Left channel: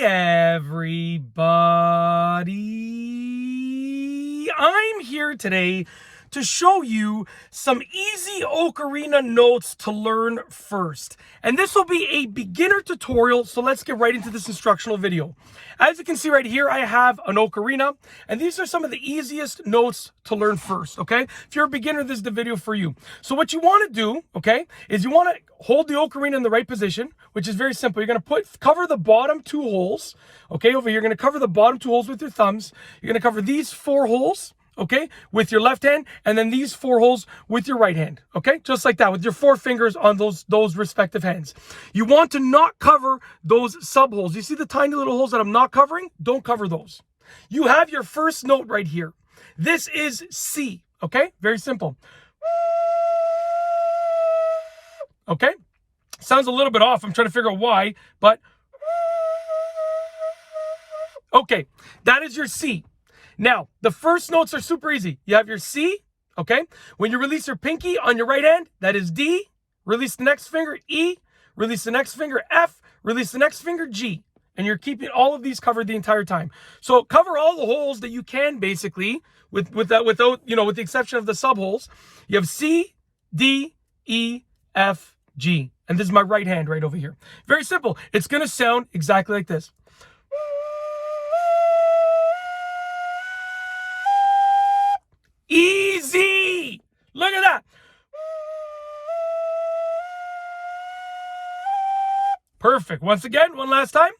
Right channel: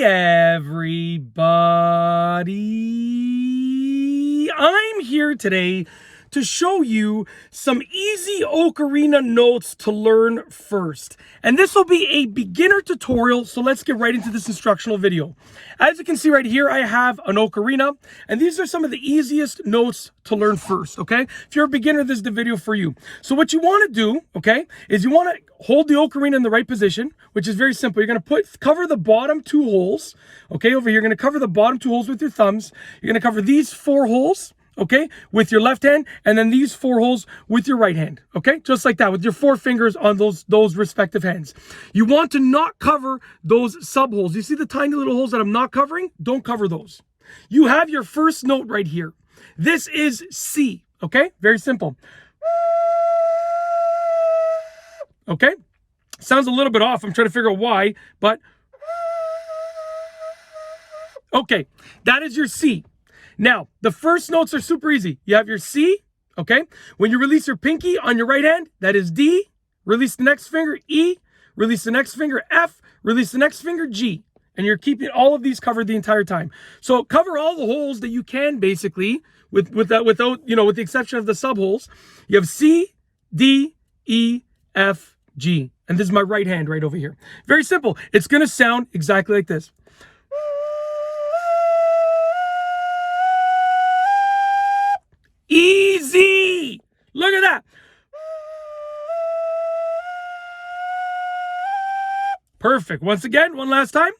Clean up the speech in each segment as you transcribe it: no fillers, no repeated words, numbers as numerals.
Hey everybody, I'm here today to show you some easy Ocarina notes to learn first. And this will be a beginner tutorial, so let's get right into this instructional video. As you can see right here, I have an Ocarina, and these are some of the easiest notes to learn first, okay? If you're a beginner, this is the video for you. So what you want to do, okay, is you want to hold the Ocarina in the right position, which is very simple. You're going to cover the bottom two holes, okay? Over here, you're going to cover the bottom two holes with your thumbs. You're going to cover these four holes, okay, with your left hand, and then these four holes with your right hand, okay? Just like that, with your four fingers on those respective hands. You want to not cover those sub holes. You see the tiny little holes that I'm not covering? Don't cover those. You have your first note right here. This is C, okay? Very simple. Okay? Sounds a little bit off. I'm trying to figure out why, but okay, that is your C. Now, the first notes are super easy. You have your C, okay? When you release your pinky on your right hand, that is D. Release the next finger, E. Release the next finger, F. Release the next finger, G. And you're keeping all of these covered the entire time. So cover all the holes that you can, basically, without, with the exception of the sub holes. You have C, D, E, F, G. And this is my right hand right over here. Very simple. It's going to sound exactly like this. Easy! Look at that. Perfect. Once again, one last time.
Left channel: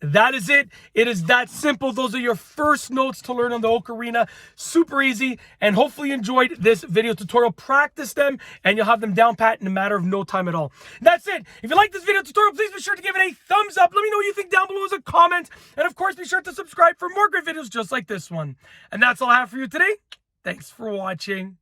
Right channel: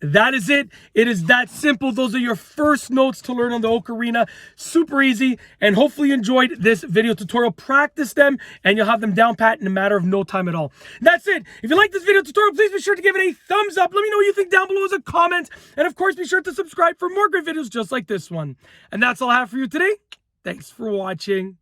That is it. It is that simple. Those are your first notes to learn on the Ocarina. Super easy. And hopefully you enjoyed this video tutorial. Practice them and you'll have them down pat in a matter of no time at all. That's it. If you like this video tutorial, please be sure to give it a thumbs up. Let me know what you think down below as a comment. And of course, be sure to subscribe for more great videos just like this one. And that's all I have for you today. Thanks for watching.